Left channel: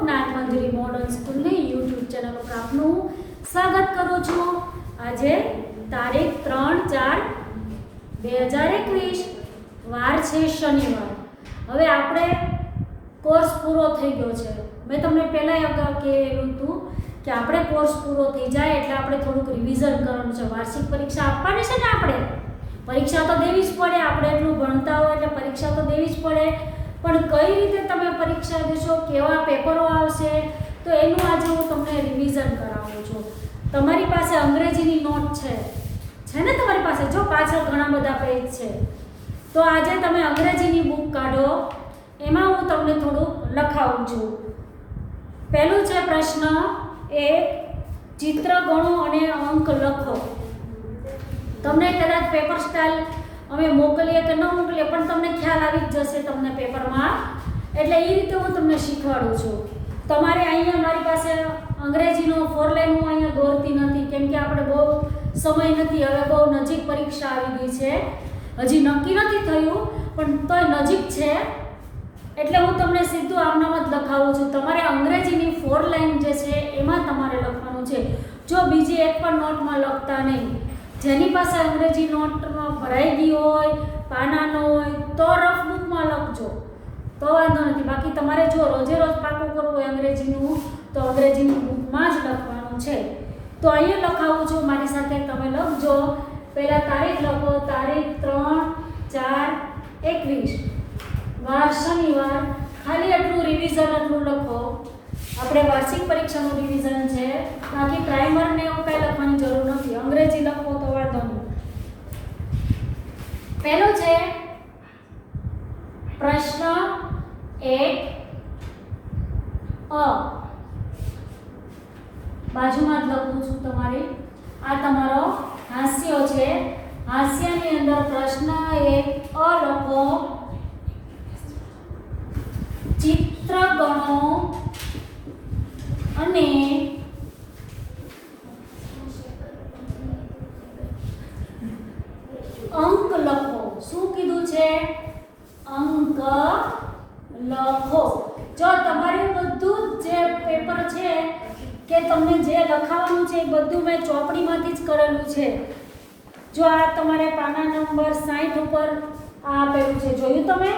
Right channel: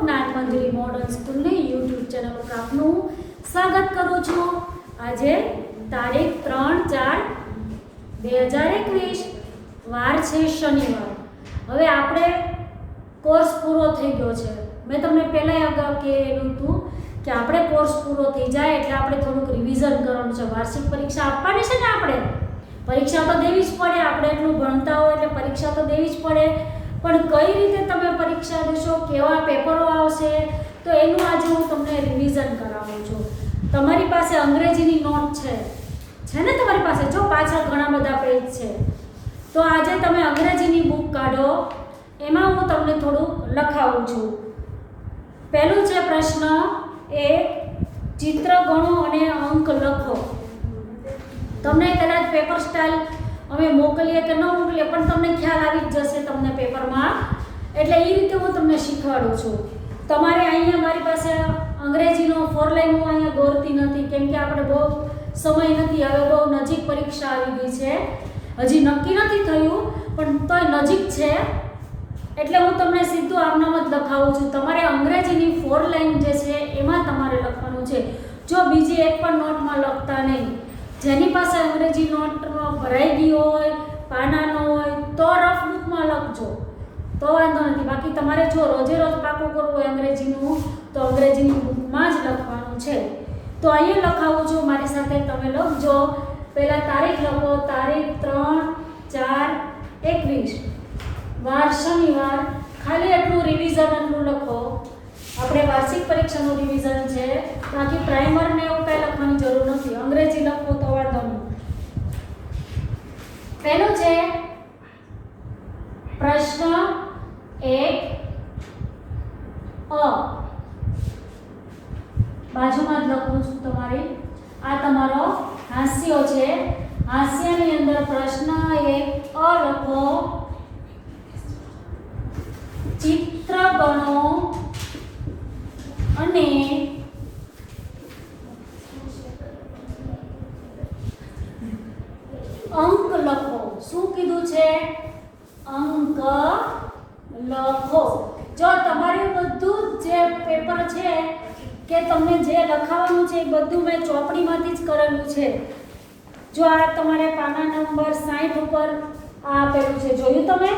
Gyanmanjari modern સ્કૂલની YouTube channel પર આપનું સ્વાગત કરું છું। આજે તારીખ 3/4/2021 વાર છે શનિવાર। હવે આપણે કોર્સ પૂરો થઈ ગયો છે। મેં તમને પહેલાં અગાઉ કહેલું હતું કે આપણે કોર્સ પૂરો થઈ જાય એટલે આપણે થોડુંક રિવિઝન કરવાનું છે। વાર્ષિક પરીક્ષા આપવાની છે ને, આપણે પરીક્ષા તો દેવી જ પડે। આપણે એટલું ભણતા હોય એટલે પરીક્ષા તો દેવી જ પડે, પણ કઈ રીતે તમે પરીક્ષા દેશો, કેવા પેપરો આવશે, તો એનું આજે હું તમને રિવિઝન કરાવું છું। તમારી પાસે અંગ્રેજીની નોટ છે ને તમારી પાસે? જો પાછળ ઘણા બધા પેજ છે, તો આજે તમે અંગ્રેજીની બુક કાઢો, એમાં હું તમને થોડુંક લખાવું છું। પહેલું છે પ્રશ્ન 1, ચિત્ર ગણો અને અંક લખો। તમને કદાચ પેપર સ્ટાઇલ અમે મોકલીએ કે ન મોકલીએ, પણ તમને ખ્યાલ આવી જ જશે તમને પેપરમાં, એટલે એ રીતે હું તમને શીખવાડું છું। તમારે અહીંયા મારી પાસે અંગ્રેજીનો 4 લાઈન હું અહીંયા દોરતી નથી, કેમ કે આપણે બહુ સમય નથી, હવે બહુ નજીક પરીક્ષા આવી ગઈ છે। હજી નક્કી નથી થયું, પણ તોય નજીક છે, એટલે હું તમને સીધું આમનામ જ લખાવું છું। તમારે અંગ્રેજીની 4 લાઈન જે છે એમાં તમારે લખવાનું છે। જો બીજી એક પણ નોટમાં લખતા નહીં। જેની પાસે અંગ્રેજી નોટમાં ભરાઈ ગઈ હોય, પાના ન હોય, તો રફ બુકમાં લખજો, તો વાંધો નથી। બાકી તમારે જો રોજે રોજ પાકું કરવું હોય અંગ્રેજીનું, તો અંગ્રેજીની બુકમાં જ લખવાનું છે। તો અહીંયા લખાવું છું, મારી સાથે તમે લખજો। પહેલાં તારીખ લખો, તારીખ 3/4/21 વાર શનિવાર। ખાલી એટલું રિવિઝન એટલું લખો, આપણે વાર્ષિક પરીક્ષાનું રિવિઝન છે, બાકી પ્રાઇમરને એવું કંઈ લખવાની જરૂર નથી। અંગ્રેજી લખો તો વાંધો નહીં। પહેલું છે પ્રશ્ન 1 અ, બાજુમાં જ લખું છું તમારી। આ તમારો હાસ્ય છે, હાસ્યની અંદર પ્રશ્ન 1 અ લખો। ચિત્ર ગણો અને અંક લખો। શું કીધું છે? અંક લખો। જો તમારું બધું જે પેપર છે કે તમને જે લખાવાનું છે એ બધું મેં ચોપડીમાંથી જ કરેલું છે। જો આ તમારે પાના નંબર 60 ઉપર આ આપેલું છે, જોયું તમે?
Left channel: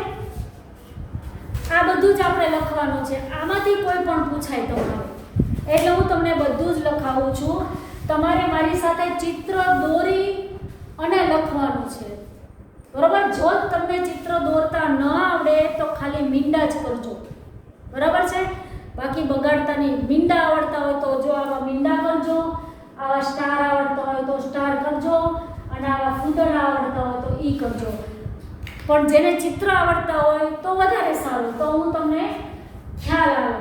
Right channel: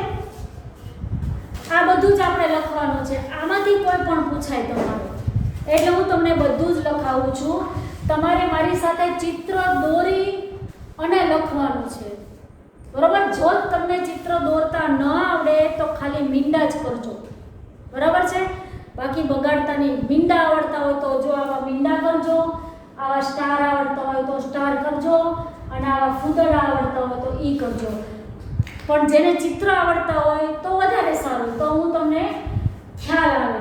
આ બધું જ આપણે લખવાનું છે, આમાંથી કોઈ પણ પૂછાય તમારે, એટલે હું તમને બધું જ લખાવું છું। તમારે મારી સાથે ચિત્ર દોરી અને લખવાનું છે, બરાબર? જો તમને ચિત્ર દોરતા ન આવડે તો ખાલી મીંડા જ કરજો, બરાબર છે? બાકી બગાડતા નહીં। મીંડા આવડતા હોય તો જો આવા મીંડા કરજો, આવા સ્ટાર આવડતા હોય તો સ્ટાર કરજો, અને આવા ફૂદડા આવડતા હોય તો ઈ કરજો। પણ જેને ચિત્ર આવડતા હોય તો વધારે સારું, તો હું તમને ખ્યાલ આવે।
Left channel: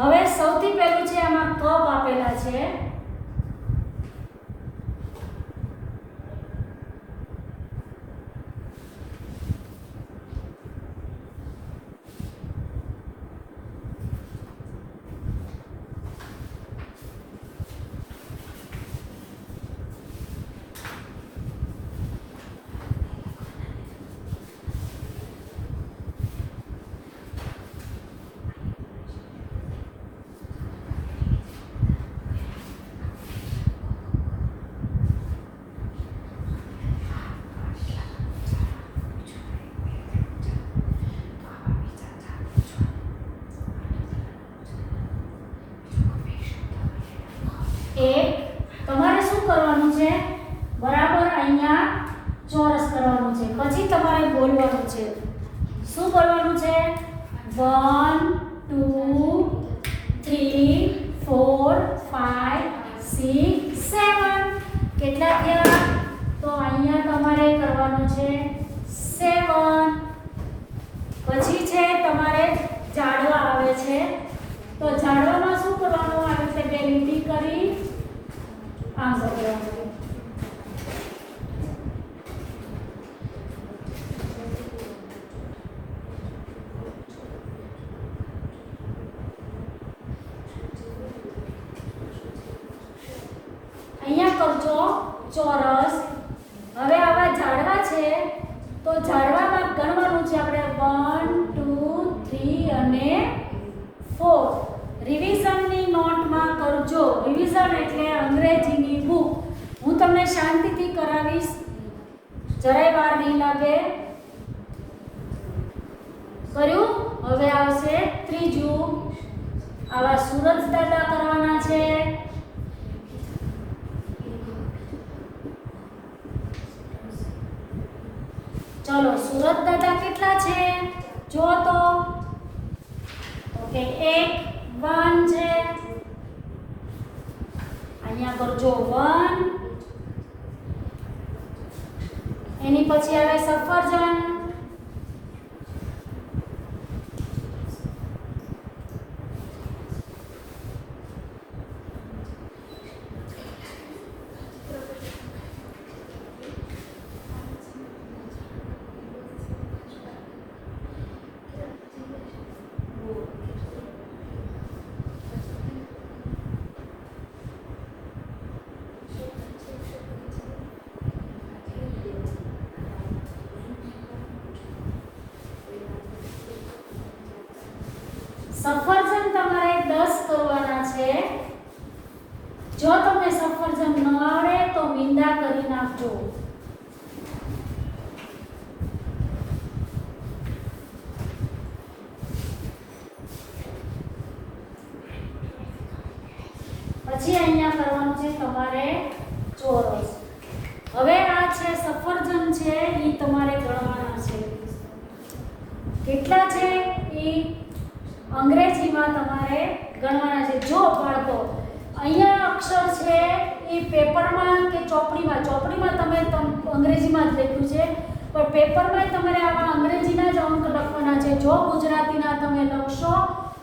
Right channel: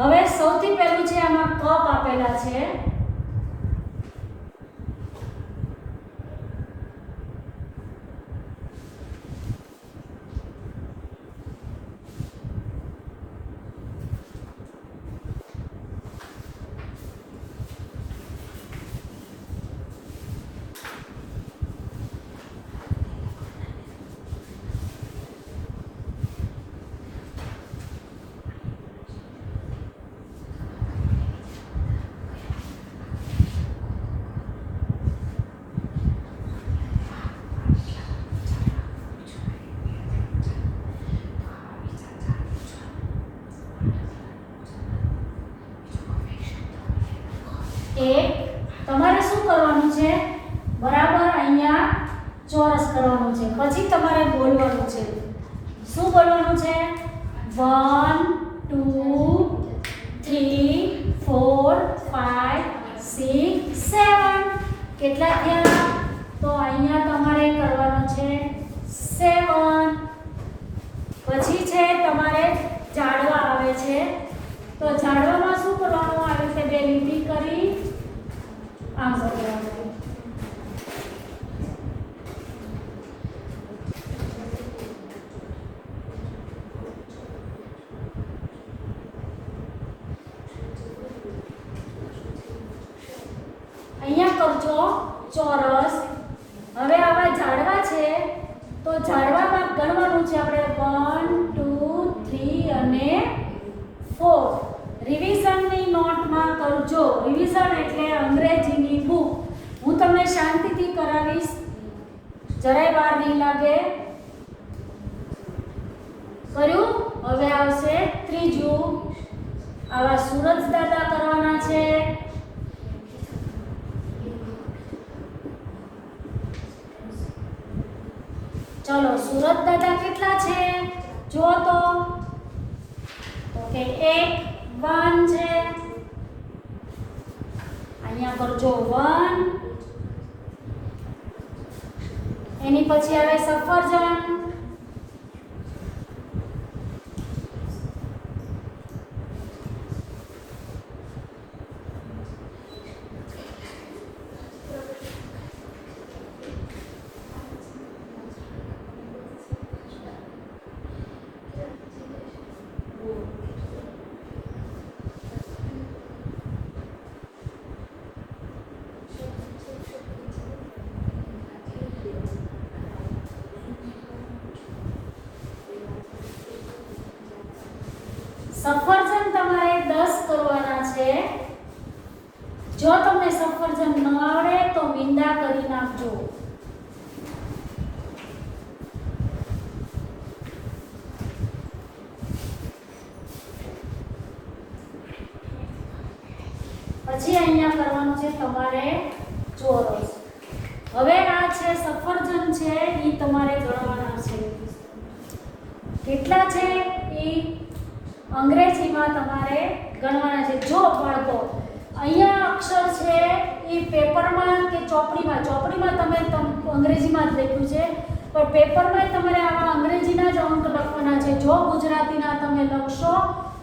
હવે સૌથી પહેલું છે, આમાં કપ આપેલા છે, તમારે શું કરવાનું છે? બરાબર અહીંયા ચોરસ કરવાનું છે, પછી તમારે બોલવાનું છે। શું બોલવાનું છે? 1 2 3 4 5 6 7 કેટલા થયા? તો અહીંયા તમારે કરવાનું છે 7। પછી છે તમારે જાડવા આવે છે, તો જાડવામાં શું કરવાનું? આ રીતે બે લીટી કરી આમ કરવાનું। અહીંયા કરજો ચોરસ। હવે આવા ઝાડવા છે, તો ઝાડવામાં ગણવાનું છે આપણે 1 2 3 અને 4. રિવિઝનની નોટમાં કરજો. રિવિઝન એટલે અંગ્રેજીની બુક. હું તમને શાંતિથી કરાવીશ, જરાય વાર નહીં લાગે. કર્યું? હવે આવશે ત્રીજું. આવા સૂરજ દાદા કરવાના છે. ચલો, સૂરજ દાદા કેટલા છે જો તો કે 1 છે. અહીંયા કરજો 1. એની પછી આવે સફરજન. સફરજન તમારે 10 કરવાના છે. જો તમને સફરજન ન આવડે તો મીંડા કરી નાખજો. પછી અહીંયા કરવાનું છે તમારે ચોરસ. હવે આ છે સફરજન છે, એ તમારે ગણવાના છે. કેટલા છે એ અંગ્રેજીમાં તમારે ગણવાના છે. જો બાળકો, અહીંયા અક્ષર છે એ પેપરમાં કે ચોપડીમાં તમે અંગ્રેજીમાં જ લખ્યું છે, પણ પેપરમાં તમારે આવા અંગ્રેજીના જ અંક લખવાના છે. જો ગુજરાતીના તમે લખશો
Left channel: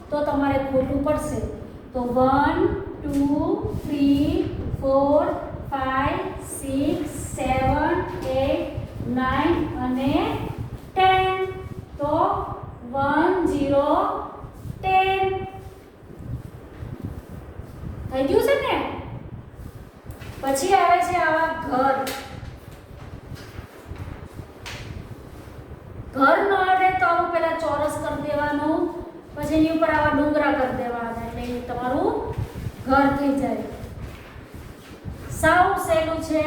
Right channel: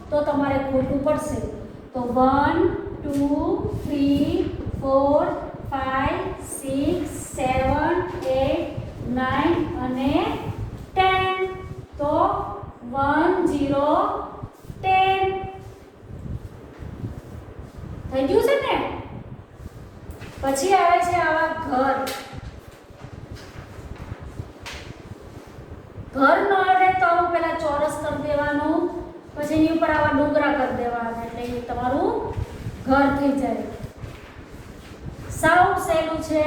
તો તમારે ખોટું પડશે. તો 1 2 3 4 5 6 7 8 9 અને 10. તો 1 0 10 થઈ ગયું છે ને? પછી આવે છે આ ઘર. ઘર નો આવડે તો આવું પેલા ચોરસ કરી દેવાનું, પછી એની ઉપર આવા ડુંગરા કરી દેવાના, એટલે એ તમારું ઘર થઈ જાય. સાવ સહેલું છે.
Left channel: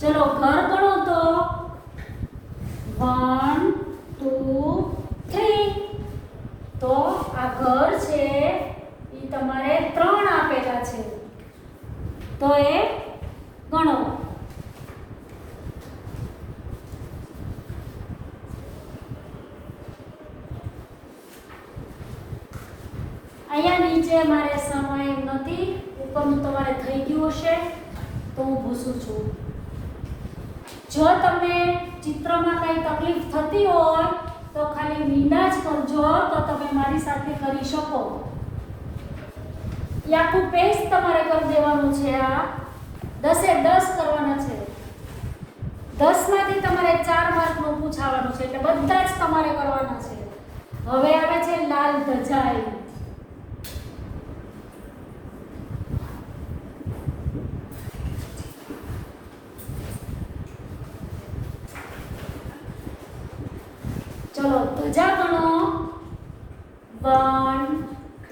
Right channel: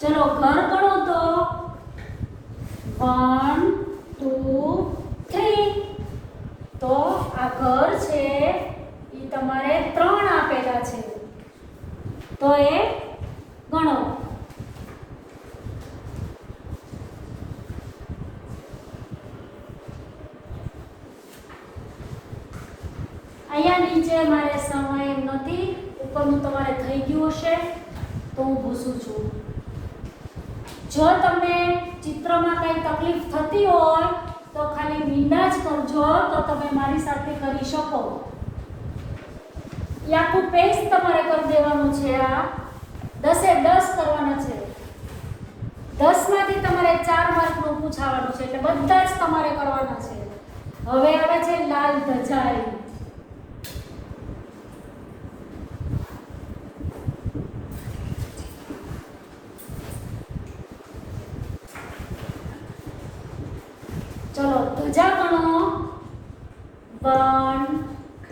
ચલો, ઘર ગણો તો 1 2 3. તો આ ઘર છે એ તમારે 3 આપેલા છે, તો એ ગણો. અહીંયા નીચે મારે સમય નથી, ઉપરનું તમારે થઈ ગયું હશે તો હું ભૂસું છું. જો તમને ચિત્રમાં કઈ તકલીફ થતી હોય તો ખાલી મીંડા જ કરજો, તો તમે મારી સાથે કરી શકો. એ આખું પેજ તમારે કરી દેવાનું છે. આ 10 એ 10 કરવાના છે. 10 માંથી તમારે 4 માર્કનું પૂછાવાનું છે, એટલે બધા જ તમારે કરવાના છે. હવે આવે છે લાલ ધજા. ચલો, ધજા ગણો. 1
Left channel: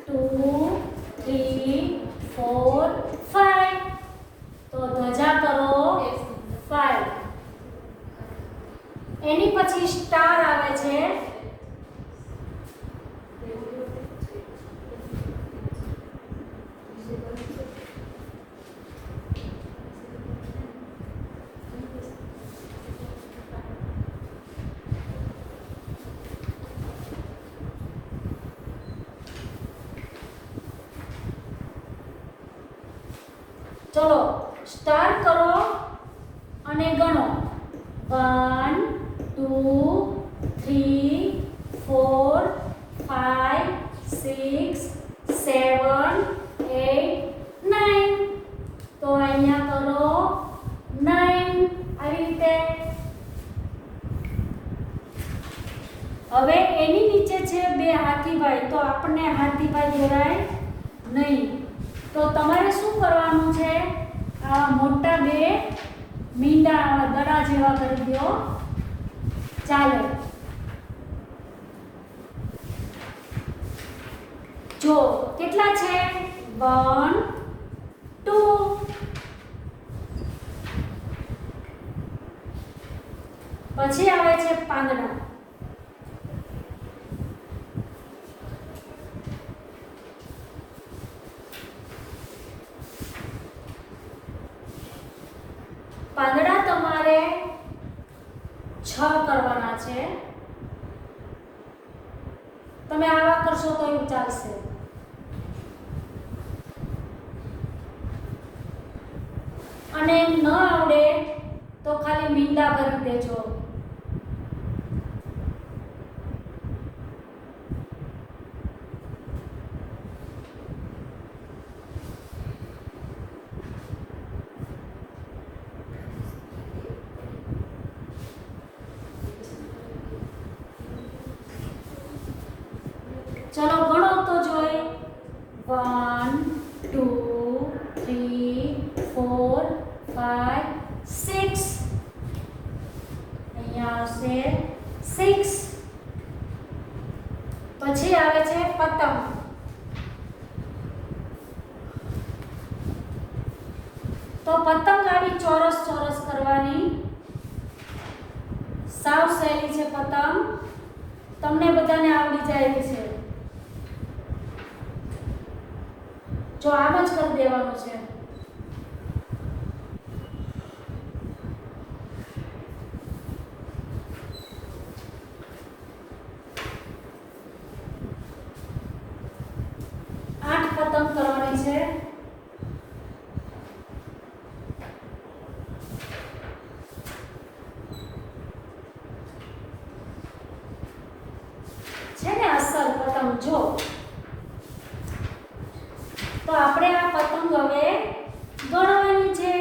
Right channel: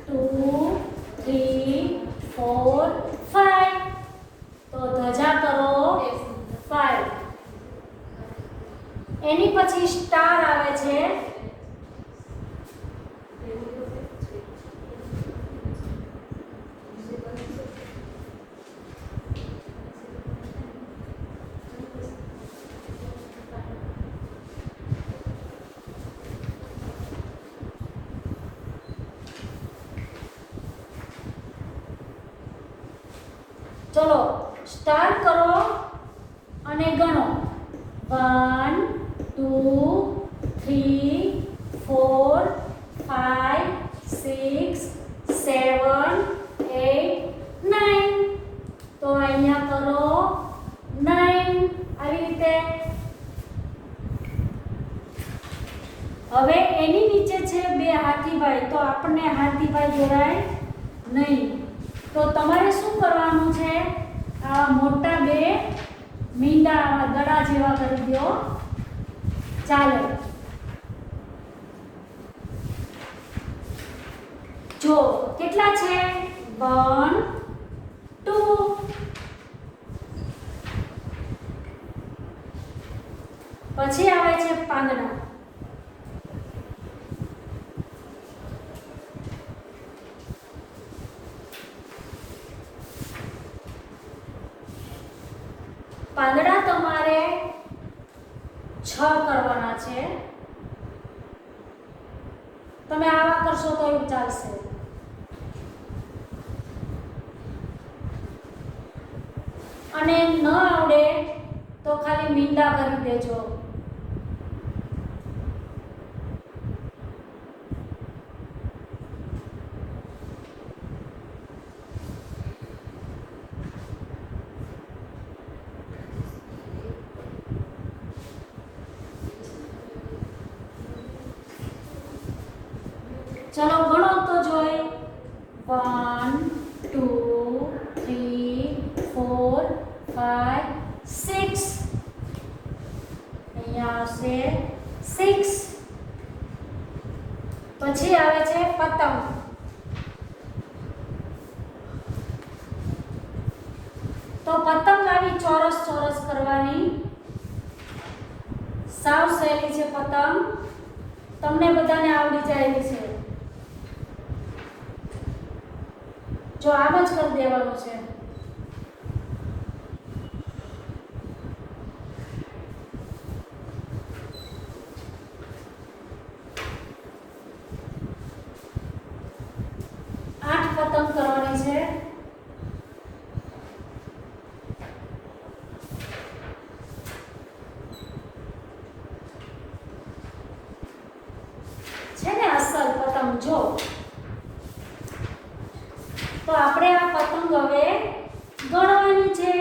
2 3 4 5. તો ધજા કરો 5. એની પછી સ્ટાર આવે છે. ચલો, સ્ટાર કરો અને ગણો. 1 2 3 4 5 6 7 8 9. તો અહીંયા કરો 9. આવી રીતે. હવે એની નીચે છે 2 હાથીભાઈ, તો આપણને હાથીભાઈ જોડાય નહીં. તો તમારે શું કરવાનું છે? આ મોટા 2 મીંડા આવા દડા જેવા કરી દો, ચાલે. જો કેટલા છે? 1 2. પછી આવે છે પાંદડા. પાંદડા તમારે 6 કરવાના છે. તમે આવા કરશો તો એવું ચાલશે. અને ન આવડે તો ખાલી મીંડા કરી દેજો. ચાલો ગણો તો જોઈ. 1 2 3 4 5 6. અહીંયા આવશે 6. પછી આવે છે પતંગ. તો પતંગ આવી ચોરસ ચોરસ કરવાની. સાવ સહેલી છે પતંગ, તમને બધાને આવડી જાય છે. જો આમ જ કરી દેવાનું છે. પતંગ કરવાની છે. છે ને અસલ પતંગ. જો તો આપણે આ પતંગ હવે ગણવાની છે.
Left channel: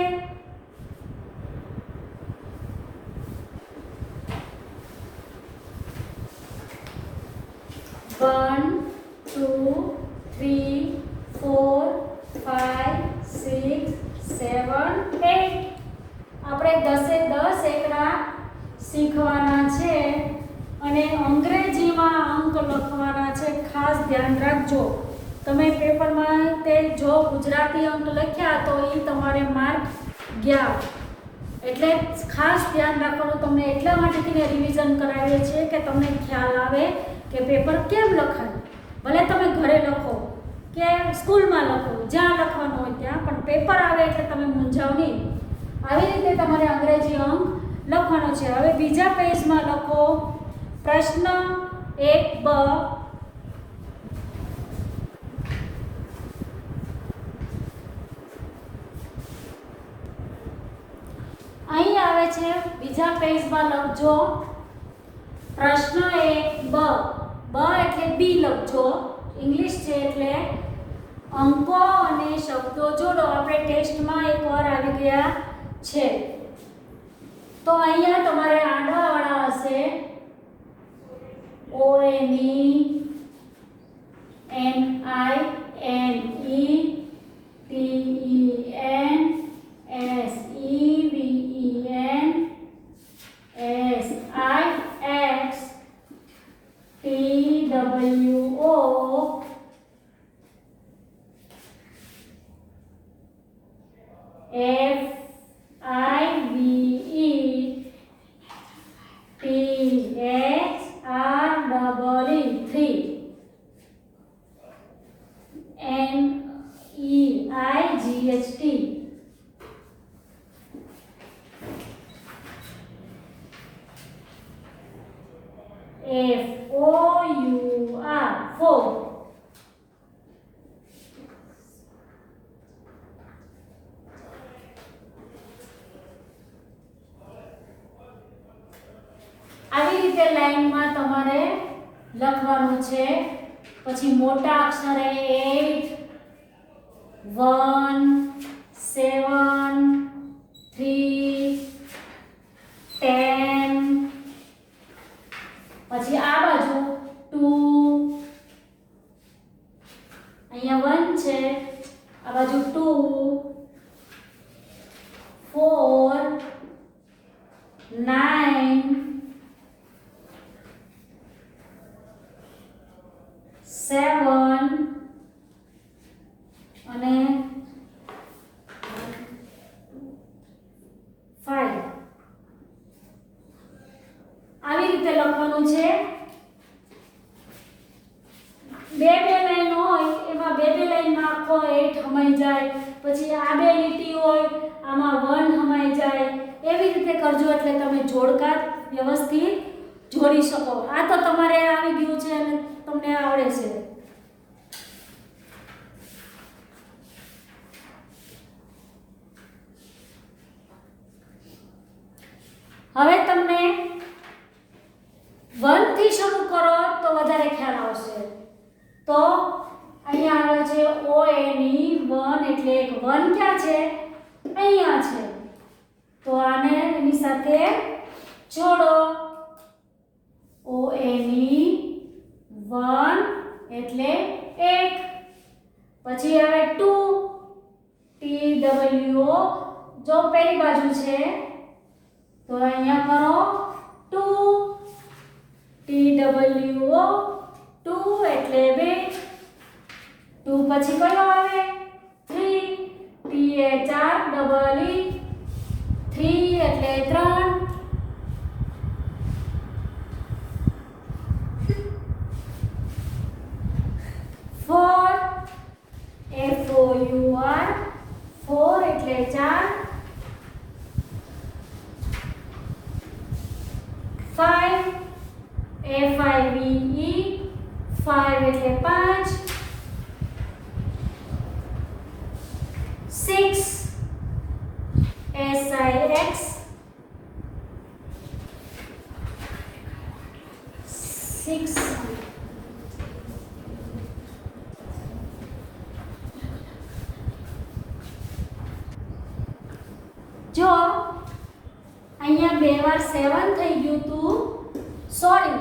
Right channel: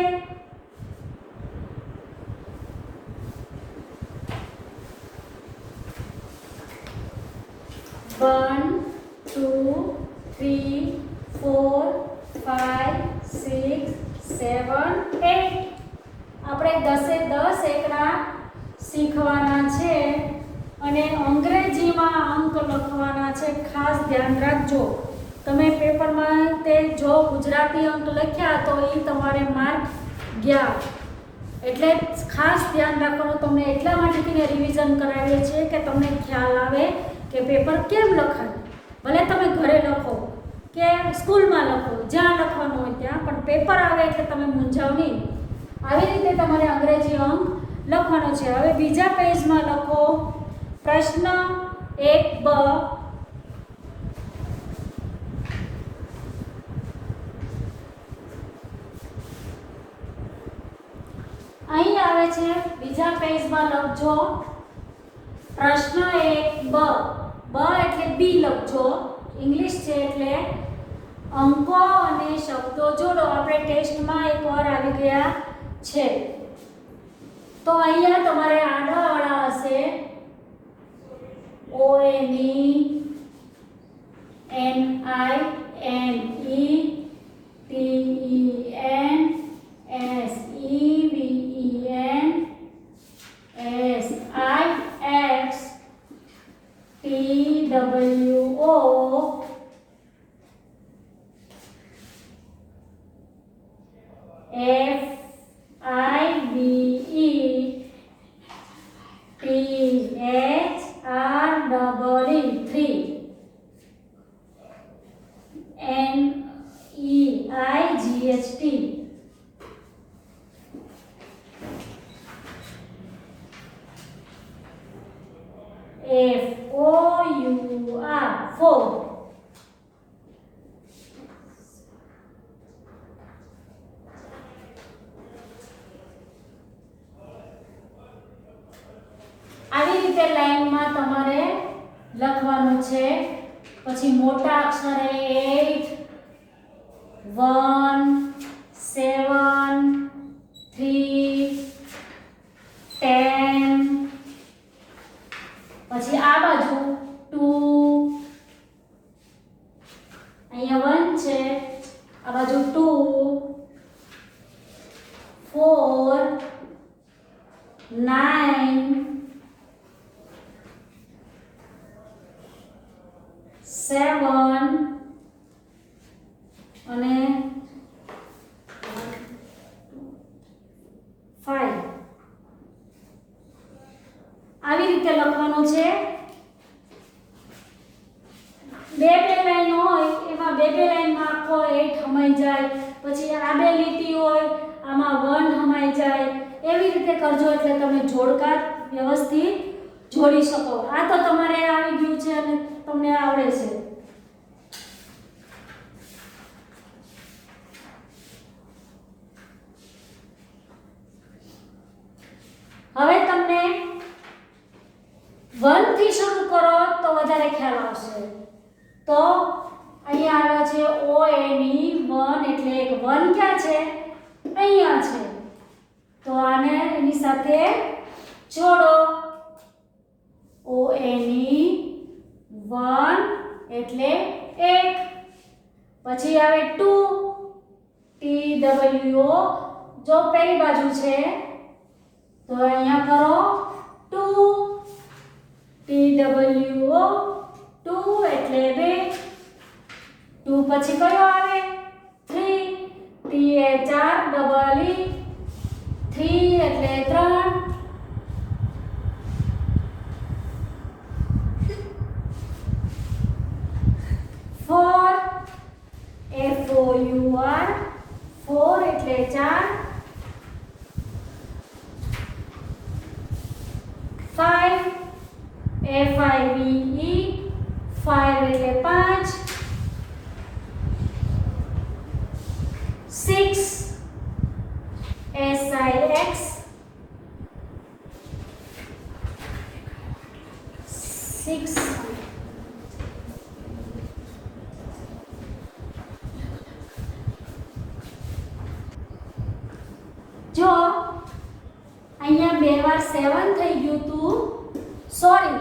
One, 2, 3, 4, 5, 6, 7, 8. આપણે 10 એકડા શીખવાના છે અને અંગ્રેજીમાં અંક લખવાના છે. ખાસ ધ્યાન રાખજો. તમે પેપરમાં તે જો ગુજરાતી અંક લખ્યા તો એ તમારે માર્ક ગયા. એટલે ખાસ ધ્યાન રાખવાનું. તમને એટલા માટે રિવિઝન કરાવીએ છીએ કે તમને ખ્યાલ આવે કે પેપર કેમ લખાય. ભલે તમે ઘરે લખો કે સ્કૂલમાં લખો, જ્યાં લખવાનું હોય ત્યાં, પણ પેપર આવે એટલે તમે મૂંઝાવ નહીં. આવી રીતે તમારે અંગ્રેજી અંક લખવાનો છે. હવે બીજા પેજમાં લખો પ્રશ્ન 1બ. અહીં આવે છે બીજા પેજમાં લખજો પ્રશ્ન 1બ. બ એટલે બી લખજો. ઇંગ્લિશ છે એટલે અંકો અને શબ્દો જોડો. આપણે ટેસ્ટમાં એકવાર આવી ગયા છે. તો અહીંયા તમારે આડાવાળા હશે. FOUR. આવી રીતે લાઈનમાં તમારે લખવાનું છે. પછી મોટા અક્ષરે 8 1 7 3 10. પછી આ બાજુ 2, અહીંયા 1 છે, આ બાજુ 2 4 બે લાઈનમાં આખો 8 હમાઈ જાય, પછી આ બે લીટી હોય આમાં 1 હમાઈ જાય, એવી રીતે કરજો એટલે તમે જોડકા વ્યવસ્થિત જોડી શકો. આ તો તમારે આવી ગયું છે અને તમને આવડે છે. હવે તમને 1 થી શરૂ કરો તો વધારે ખ્યાલ આવશે. તો અહીંયા આવે છે O N E 1 એટલે એક 1 ક્યાં છે? અહીંયા છે. તો આને એની સાથે જોડો. O N E 1 એટલે 1. પછી આવે 2 T W O, જો પહેલી બાજુ છે તો અહીંયા કરો 2 T W O 2 એટલે 2. 2 પછી કયો આવે? 3 T એ 4 ડબલ E 3 એટલે 3. 4 F O U R 4 એટલે 4. 5 F I V E 5 એટલે 5. 6 S I X 6. જો અહીંયા બે વાર 7 થઈ ગયું તું, સોરી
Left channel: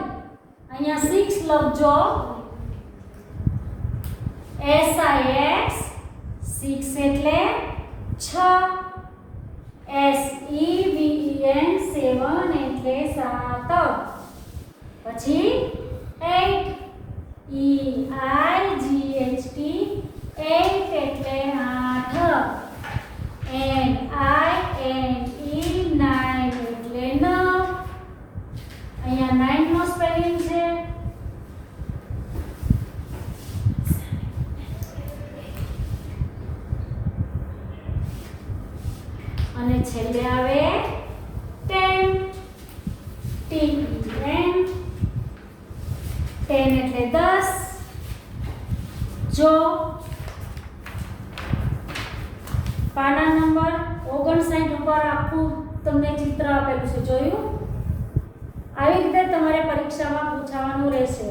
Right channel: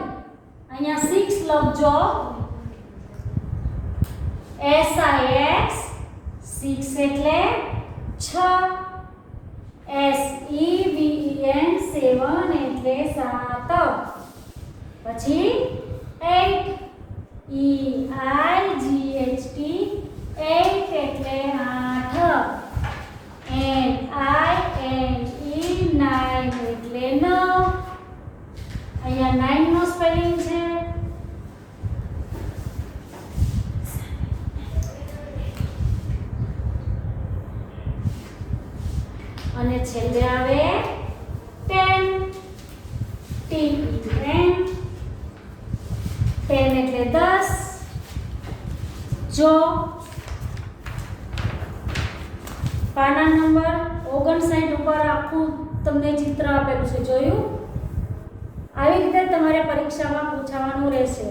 અહીંયા 6 લખજો. S I X 6 એટલે 6. S E V E N 7 એટલે 7. પછી 8 E I G H T 8 એટલે 8. N I N E 9 એટલે 9. અહીંયા 9 નો સ્પેલિંગ છે. અને છેલ્લે આવે 10 T E N 10 એટલે 10. જો પાના નંબર 59 ઉપર આખું તમને ચિત્ર આપેલું છે, જોયું? આવી રીતે તમારે પરીક્ષામાં પૂછવાનું રહેશે.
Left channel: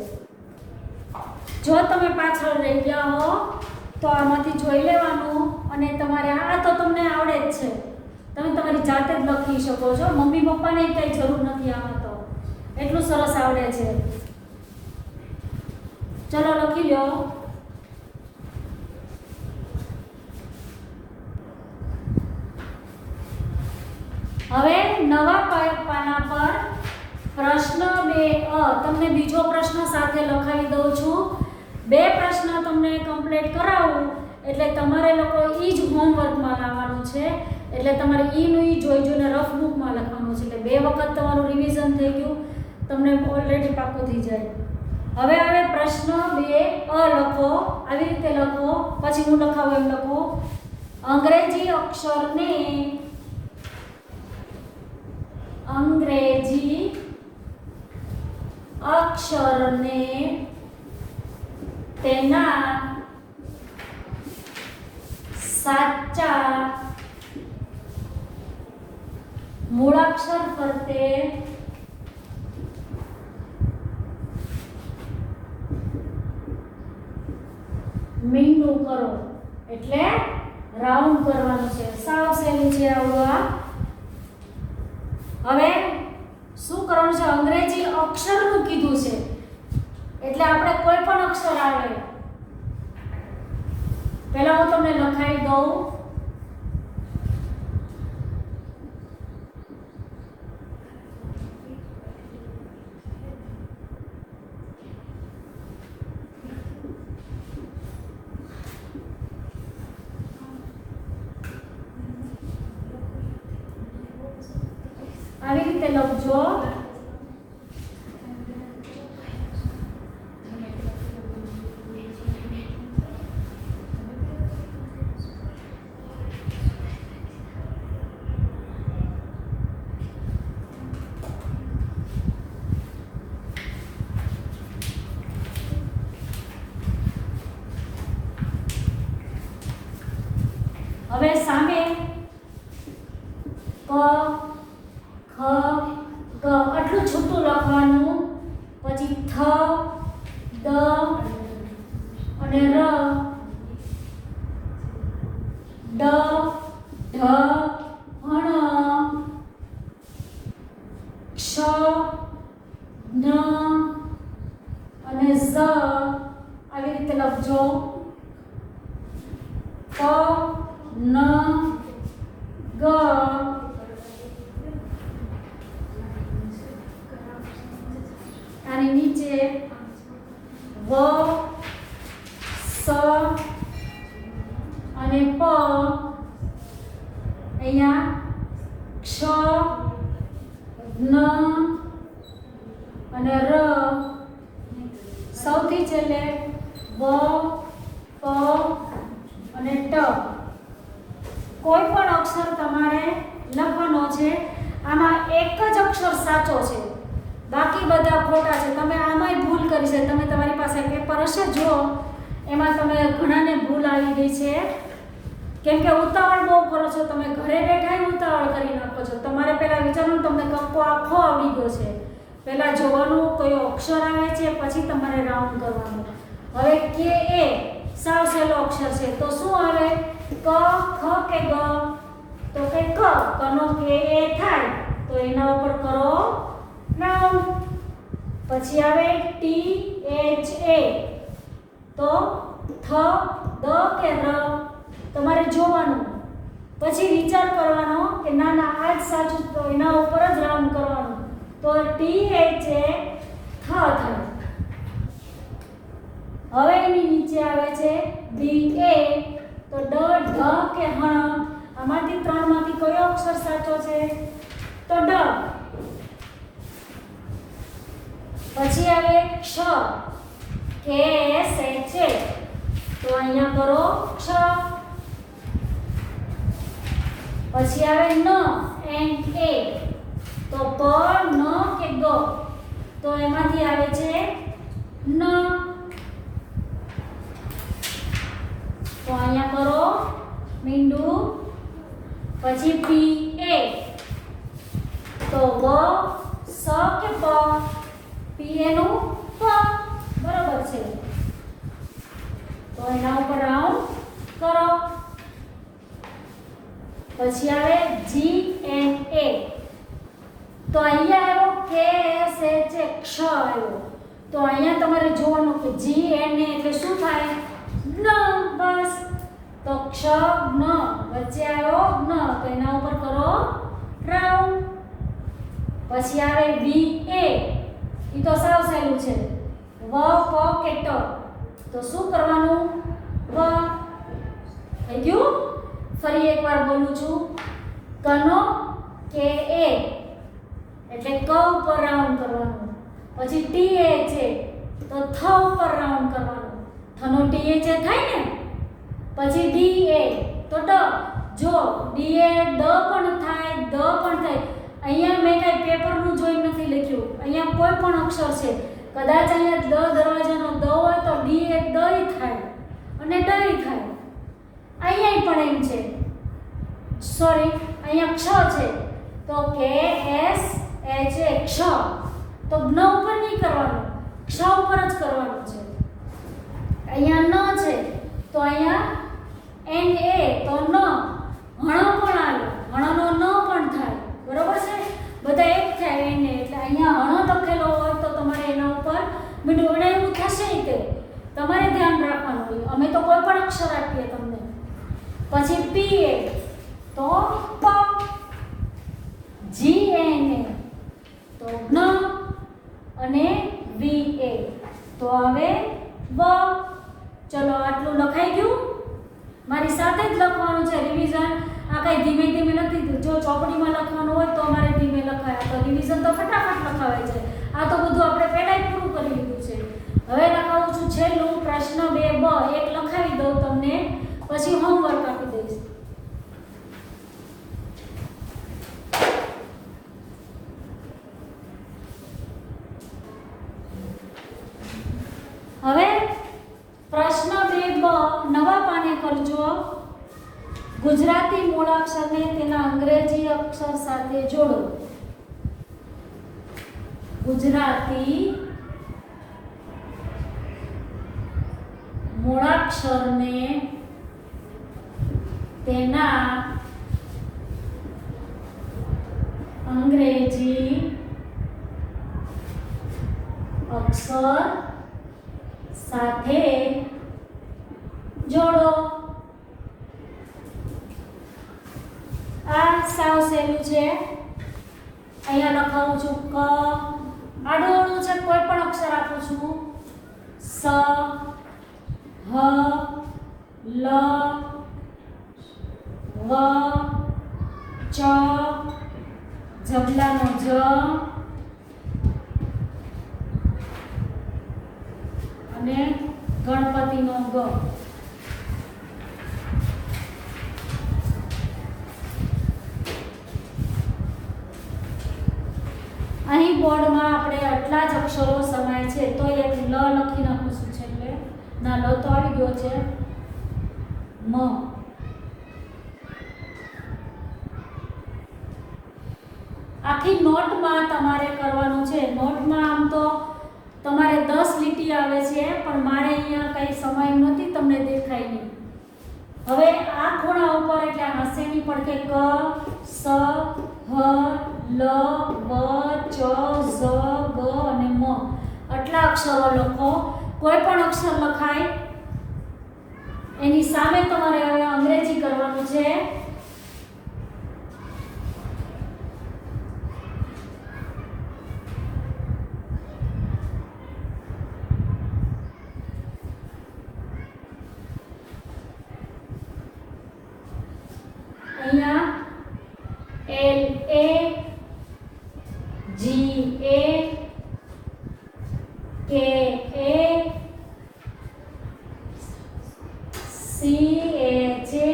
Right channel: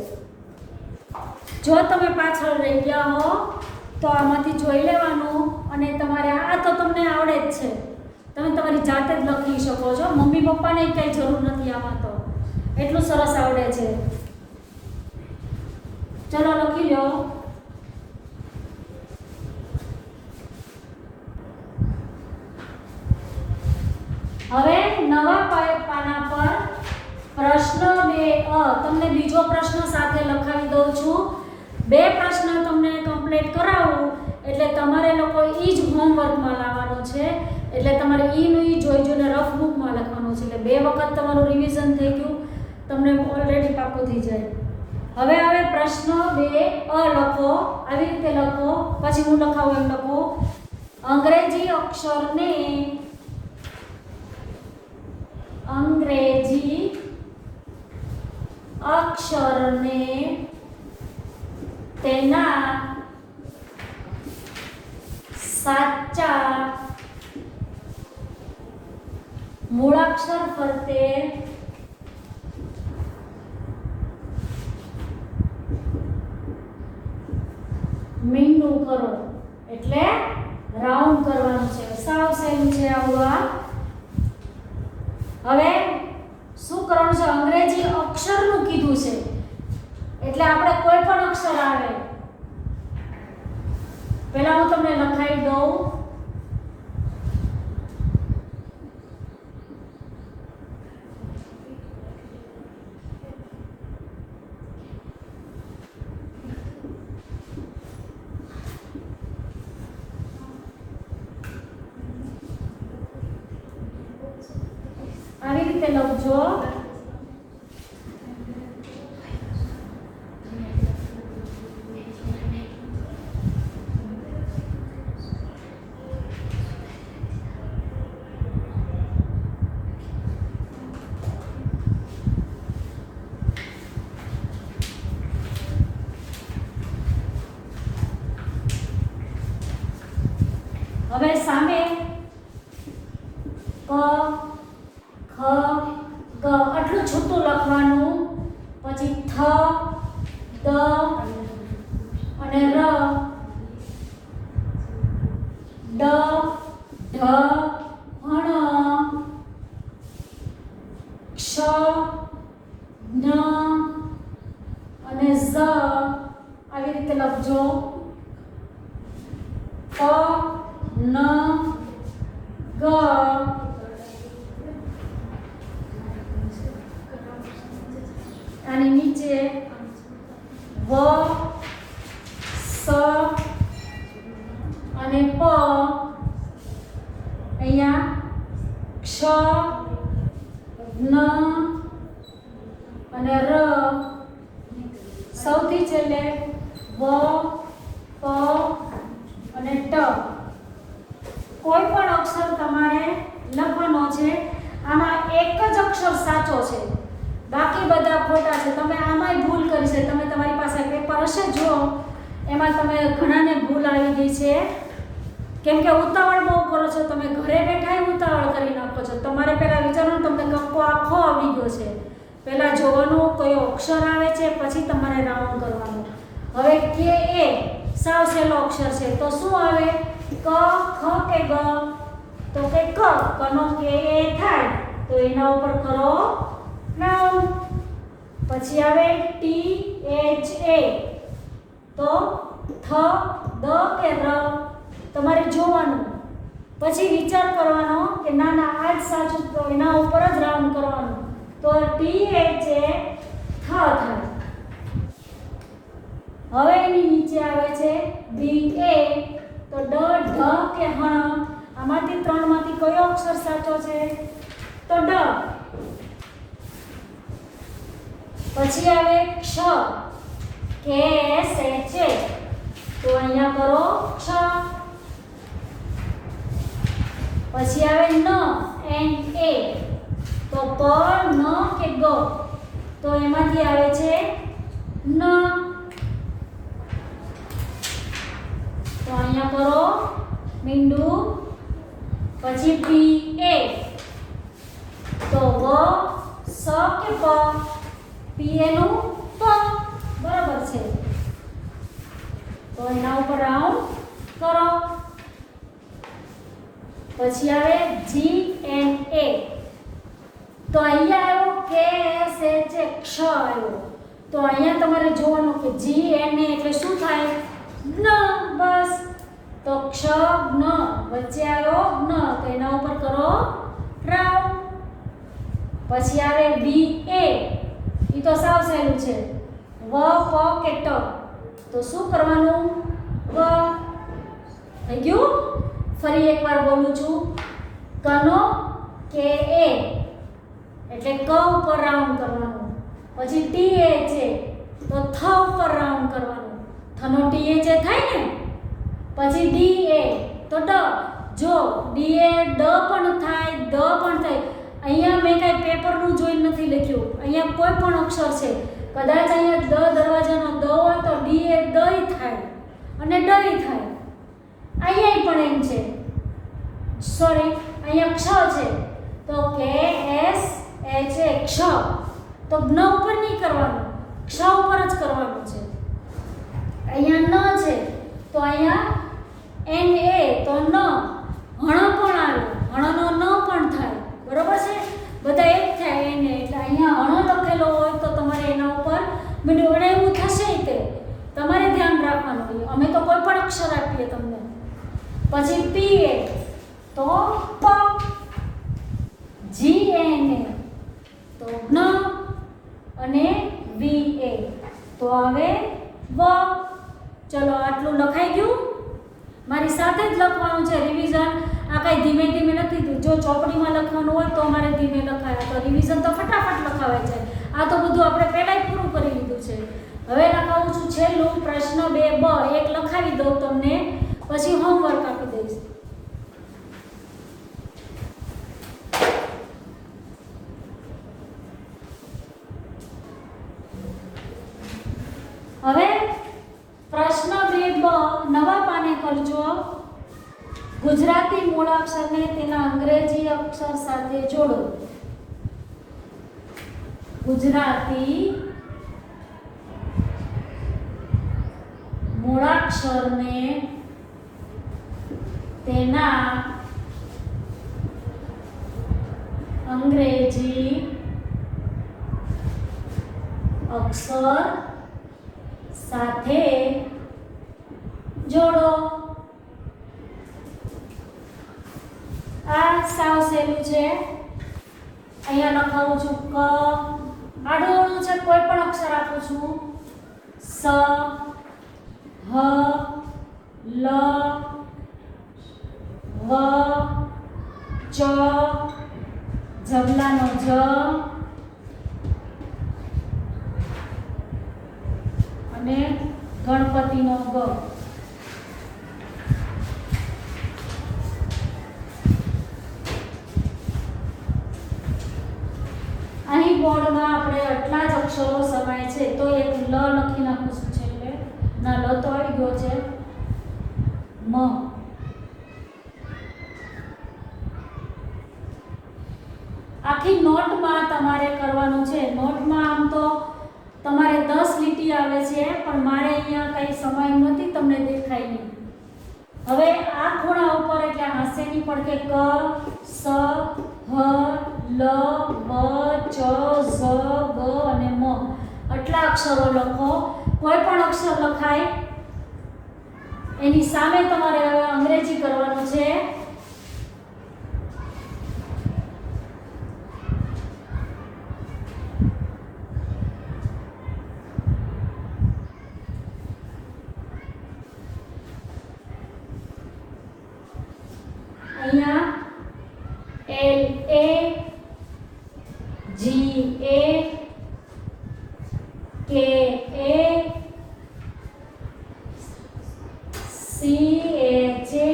જો તમે પાછળ રહી ગયા હો તો આમાંથી જોઈ લેવાનું અને તમારે આ તો તમને આવડે જ છે, તમે તમારી જાતે જ લખી શકો છો. મમ્મી પપ્પાને કંઈ જરૂર નથી, આમાં તો એટલું સરસ આવડે છે. ચલો લખી લો. હવે નવા પાના પર પ્રશ્ન 2 તમને બીજો પ્રશ્ન સાથે લખાવી દઉં છું. 2 પ્રશ્ન તમને કમ્પ્લીટ કરાવું એટલે તમારે લોકો ઈ જ હોમવર્કમાં લાવવાનું છે. એટલે તમારે ઈનું ઈ જોઈને રફ બુકમાં લખવાનું છે. એટલે 2 વખત તમારું રિવિઝન થઈ ગયું, તમને ઓલરેડી પાકું થઈ જાય. હવે આવે પ્રશ્ન 2 લખો. આવી રીતે લખો, પછી હું લખાવું એમ લખો. અંગ્રેજી અક્ષરને તેના સાચા મૂળાક્ષર ફરતે મીંડું કરો. એટલે રાઉન્ડ કરવાનું છે. સાવ સહેલું છે આવડવા. હવે શું કરવાનું છે? અંગ્રેજી અક્ષરનું કીધું છે એટલે આપણે કોઈ પણ અક્ષર આવે. પહેલા હું તમને લખાઈ દઉં. આવી રીતે લખજો. હવે સામે ક ખ ગ આટલું છૂટું લખવાનું, પછી થ દ અને ર, ડ ઢ હણ, ક્ષ ન અને ઝ આવી રીતે લખજો. પ ન ગ આની નીચે વ સ અને પ, અહીંયા ક્ષ ન અને ર, સૌથી છેલ્લે વ પ અને ટ. કોઈ પણ અક્ષર તમારે લખવાનો છે. આમાં એક જ અક્ષર સાચો છે, બાકી બધા ખોટા છે. તમે આમાંય ભૂલ કરી છે. તમે તમારી પાસે પેપર હશે જો, એમાં તમે ઘણાને ભૂલ આવી ગઈ છે, કેમ કે ઉતાવળ બહુ કરો છો. તમે ઘરે બેઠા ઉતાવળ કરી નાખો છો. તમારે પહેલાં વિચારવાનું તમને કક્કો આખો આવી ગયો છે. પહેલાં જોવાનું કયો અક્ષર આવે છે, પછી તમારે રાઉન્ડ કરવાનું. હવે કે એ સાવ સહેલો અક્ષર છે, તો શું આવે? ક ખ કે ગ? તો કે ક. કનો કે એ થાય તો એના ઉપર કરો રાઉન્ડ. પછી આવે ટી એચ એ, તો થ દ કે ર? તમારે જોવાનું, પછી વિચાર કરવાનો કે ના ના આ જ સાચું, તો એના ઉપર જ રાઉન્ડ કરવાનું. તો ટી એચ એ થ થાય. હવે એની નીચે આવે છે બી એ, તો ડ ઢ કે હણ? આમાંથી ત્રણમાંથી કયો અક્ષર સાચો છે? તો ડ. પછી આવે ક્ષ, કે એસ એચ એ, તો અહીંયા કરો ક્ષ. પછી આવે ન એન્ડ એ, તો પ ન કે ગ? તો એમાંથી આવે છે ન. તો અહીંયા કરો મીંડું. પછી પી એ, તો વ સ કે પ? પી એનું પ, બરોબર છે. તો એના ઉપર રાઉન્ડ કરો. પછી આવે જી એન એ, તો અહીંયા આવ્યો કે એસ એચ એ, ક્ષ આવ્યો. તો અહીંયા તમારે જોવાનું કે જી એન એ એટલે શું થાય? ન. બસ. તો ક્ષ ન, વચ્ચે આવ્યો ન, તો એના ઉપર કરો રાઉન્ડ. પછી આવે બી એ, એ તો સાવ સહેલું છે. વ પ કે ટ? તો શું કરવાનું? વ. થઈ ગયું? ફરી એકવાર બોલું છું. કનો કે એ એટલે ક ઉપર રાઉન્ડ કરવાનું. પછી ટી એચ એ, તો થ ઉપર રાઉન્ડ કરવાનું. થનો ટી એચ એ થાય ને. પછી ડી એ, તો ડ. જો ડી એ ડ પણ થાય, દ પણ થાય. અહીંયા મેં કાંઈ પેપરનું જોઈ નથી લખ્યું. અહીંયા કોઈ પણ અક્ષર છે, કદાચ અહીંયા દ દરવાજાનો દ હોય તો ડી એ દઈ થાય અને ડઈ થાય. અહીંયા પણ એમ છે. સોરી, અહીંયા ક્ષ છે, તો કે એસ એચ એ ક્ષ. તો ન ઉપર નહીં કરવાનું, ક્ષ ઉપર જ કરવાનું છે. અહીંયા ન છે, તો અહીંયા એન એ, તો ન. હણ પણ આવે, હણનો ન પણ થાય. બરોબર છે? બધા એક થાય એને. એટલે અહીંયા હણ લખેલો હોય તો તમારે એના ઉપર મીંડું. અને એવું થશે તે તમારે ધ્યાન રાખવાનું હોય. અમે તો કોઈ પણ અક્ષર આપીએ તમને. પછી પી એ, તો પ. જી એન એ, તો ન. અને વી એ, તો હવે વ. ચલો આટલું લખાઈ ગયું. મારી સાથે જ લખવાનું છે રિવિઝન. આ કાંઈ ધીમે ધીમે નથી. જો ચોપડીમાં લખવાનું હોય તો અમારે ધીમે લખાય, તો રિવિઝન તો ફટાફટ લખાવે છે. આ તો બધું આપણે પહેલાં જ પૂરું કરી લીધું છે. હવે લખાવું છું છેલ્લું પ્રશ્ન 2 બ. એક લખાવી દઉં તમને, પછી હોમવર્ક આપી દઈશ. હવે પ્રશ્ન 2 બ નવા પાને કરજો. ગુજરાતી મૂળાક્ષરને તેના અંગ્રેજી અક્ષર સાથે જોડો. ગુજરાતી મૂળાક્ષરને તેના અંગ્રેજી અક્ષર સાથે જોડો. આ સાવ સહેલું છે. અહીંયા લખાવું છું ક, આડું છે, કોઈ પણ અક્ષર આપું છું. સ, હ, લ, વ, ચ, જબલાનો જ, અને ગણપતિનો ગ. અહીં બોર્ડમાં આપણે આટલા જ અક્ષરો સમાય છે, તો એક લ લખી નાખું છું છેલ્લે. ના, લ તો આવી ગયો છે. મ. આખી નોટમાં તમારે કરવાનું છે. નોટમાં આમ તો તમારે 10 લીટી આવે છે, પણ મારે અહીંયા કઈ સમય નથી, તમને દેખાય નહીં. હવે આ ખૂણા ઉપર એટલે હાસ્યની પડખે ક, સ, હ, લ, વ, ચ, ઝ, ગ અને મ આટલા અક્ષરો લખો. કોઈ પણ અક્ષર લખાય એની સામે તમારે હવે અંગ્રેજી કરવાનું છે. અહીંયા L A G A K A C H A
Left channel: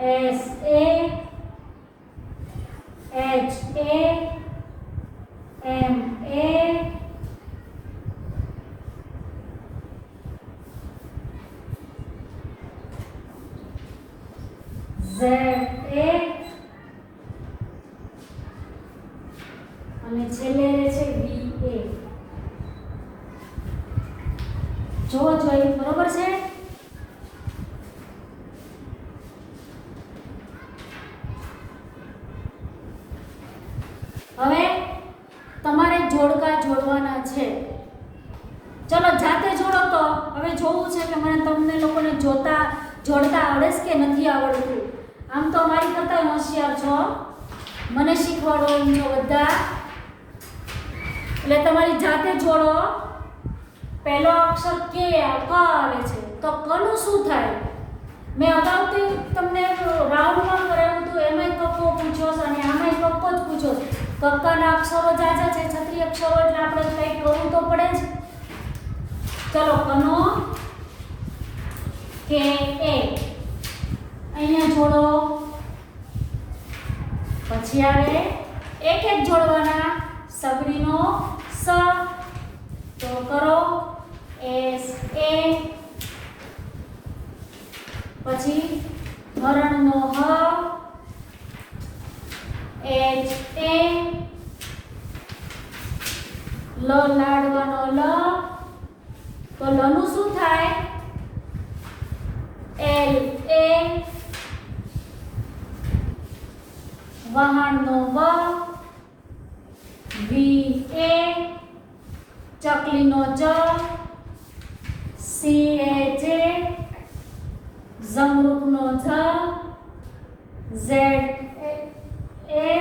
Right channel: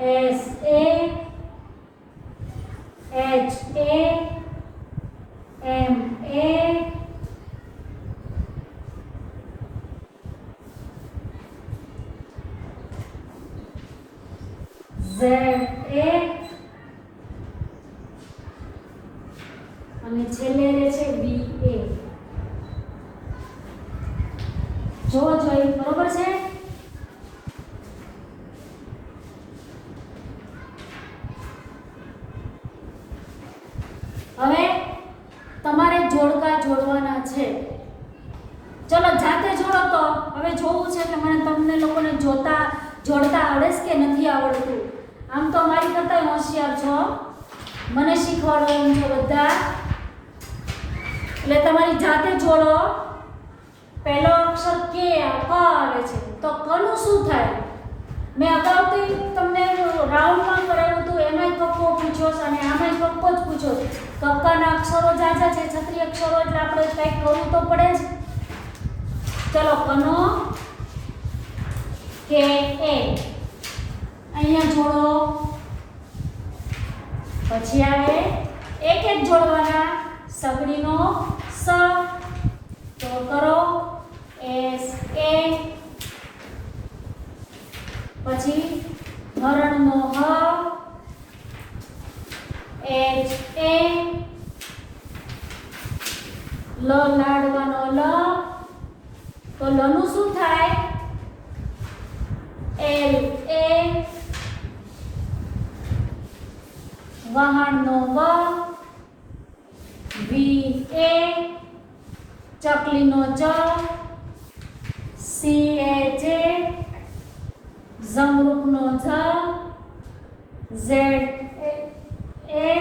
S A H A M A Z A અને છેલ્લે રહે છે V A. જો જોઈ બરોબર છે. હવે તમારે જોડકા જોડવાના છે. ચલો જાતે જોડો. તો હવે જોવું છે કે તમને લોકોને જોડતા આવડે છે કે નથી આવડતું. આમ તો મારી કરતા હોશિયાર છો, મને શીખવાડો એમ છો બધા. એટલે તમારી જાતે જોડો. પહેલો અક્ષર કે આવે છે, તો કનું શું થાય? મેં અગાઉથી તમને રાઉન્ડમાં કરાવ્યું હતું, એમાંય કક્કો પૂછ્યો છે અને આમાંય કક્કો જ પૂછ્યો છે. કક્કાના અક્ષરો જાજા છે, 36 અક્ષરો, એટલે આપણે કંઈક કરવું તો પડે જ. ચલો, કનો કે એ અહીંયા જોડો. પછી આવે એક એક જોડવાના. સગડીનો સ, તો કરો S A. પછી હરણનો હ, H A. લ લાડવાનો લ, તો લનું શું થાય? L A. વહાણનો વ, V A. ચકલીનો જ, C H A. ઝમરૂખનો Z, Z A.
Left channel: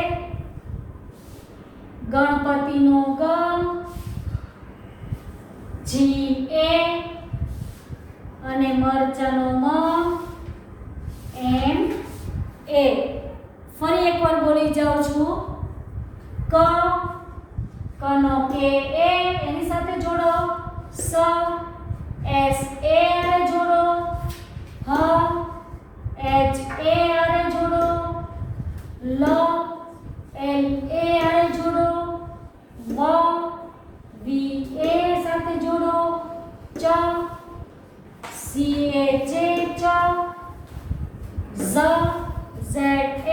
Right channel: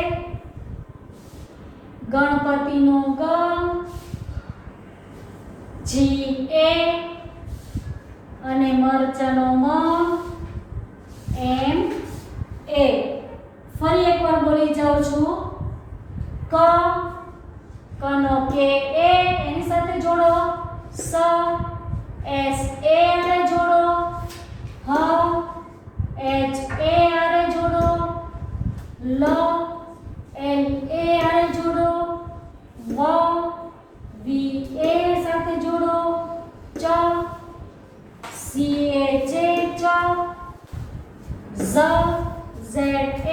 ગણપતિનો ગ, G A. અને મરચાનો મ, M A. ફરી એકવાર બોલી જાઉં છું. કનો કે એ એની સાથે જોડો. સ S A આરે જોડો. હ H A આરે જોડો. લ L A આરે જોડો. વ V A સાથે જોડો. ચ C H A ચ. Z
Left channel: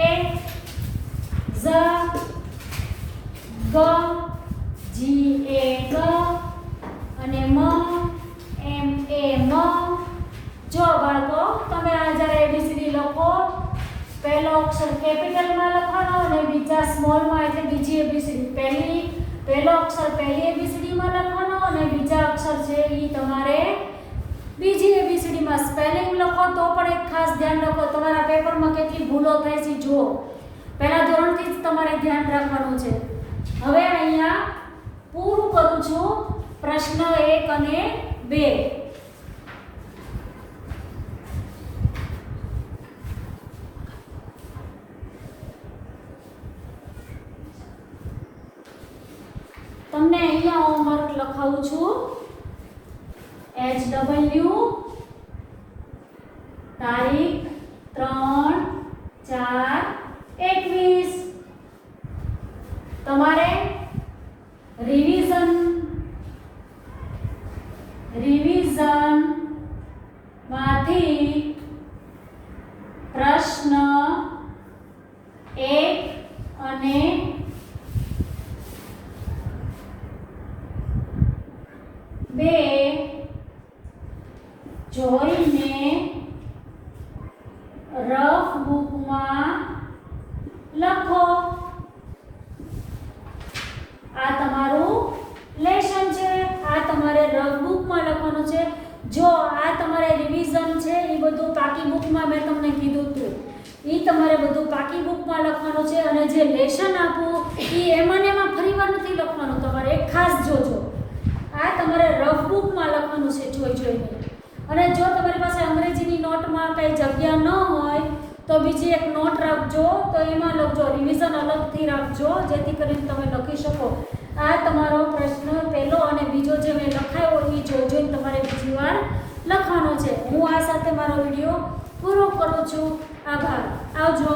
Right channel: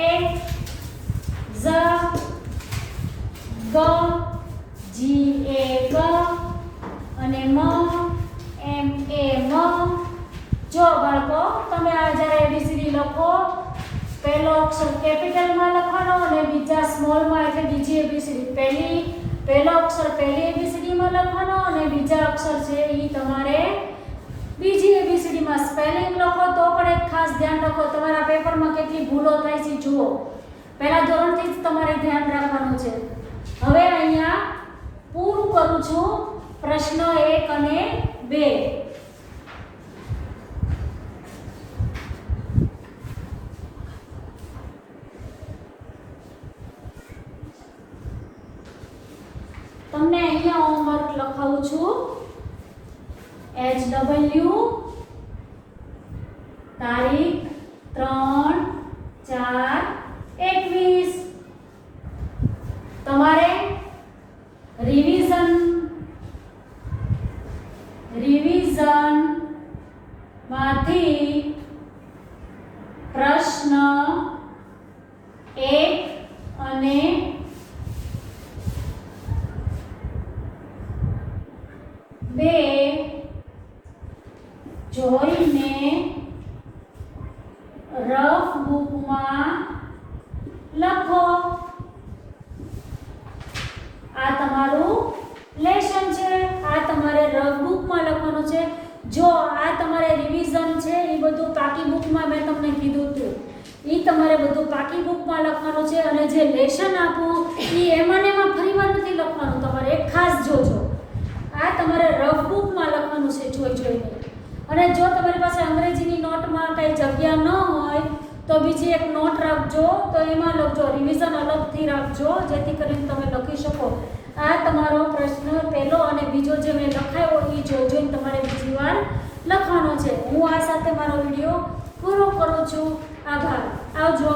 A Z G G A G અને M A M. જો બાળકો તમે આ જ્યારે એબીસીડી લખો પહેલો અક્ષર કેપિટલમાં લખવાનો અને બીજા સ્મોલમાં એટલે બીજી એબીસીડી પહેલો અક્ષર પહેલી એબીસીડીમાં લખવાનો અને બીજા અક્ષર છે એ તમારે બીજી એબીસીડીમાં સ્પેલિંગ લખો. તો પણ એક ખાસ ધ્યાન રાખો તમારા પેપરમાં કેટલી ભૂલો થાય છે જુઓ. પહેલા ધોરણથી જ તમારે ધ્યાન રાખવાનું છે. હવે અહીંયા પૂરું કરું છું પ્રશ્ન 1 અને 2. તમને અહીંયા હોમવર્ક લખાવું છું. HW તારીખ 3/4/21. તમારે રિવિઝન માંથી પ્રશ્ન 1 અને 2 જોઈને રફ બુકમાં લખો. આ તમારું લેશન છે. આ તમારે રફ બુકમાં લખવાનું છે. જો આ તમારે રિવિઝન છે એ બધું પાકી બુકમાં મેં તમને કીધું હતું એ તમારે બધું પાકી બુકમાં લખવાનું છે. અને જે લેશન આપું એ એમાં ફરીવાર નથી લખવાનું. તમારે એક ખાસ જોજો આ તમારે રફ બુકમાં લખવાનું છે જોઈને. અને જો તમારી પાસે અંગ્રેજીની નોટમાં કંઈ જગ્યા ન હોય તો બીજી એક નોટ રાખજો. તો એમાં લખજો રિવિઝન અલગથી રાખજો જેથી કરીને તમે લખી શકો. આ તમારો પ્રશ્ન પહેલો અને બીજો જે મેં લખાયો એ જોઈને તમારે બીજી વાર લખવાનો છે. હું આ સાથે મારો વિડીયો પૂરો કરું છું. આભાર. આવજો.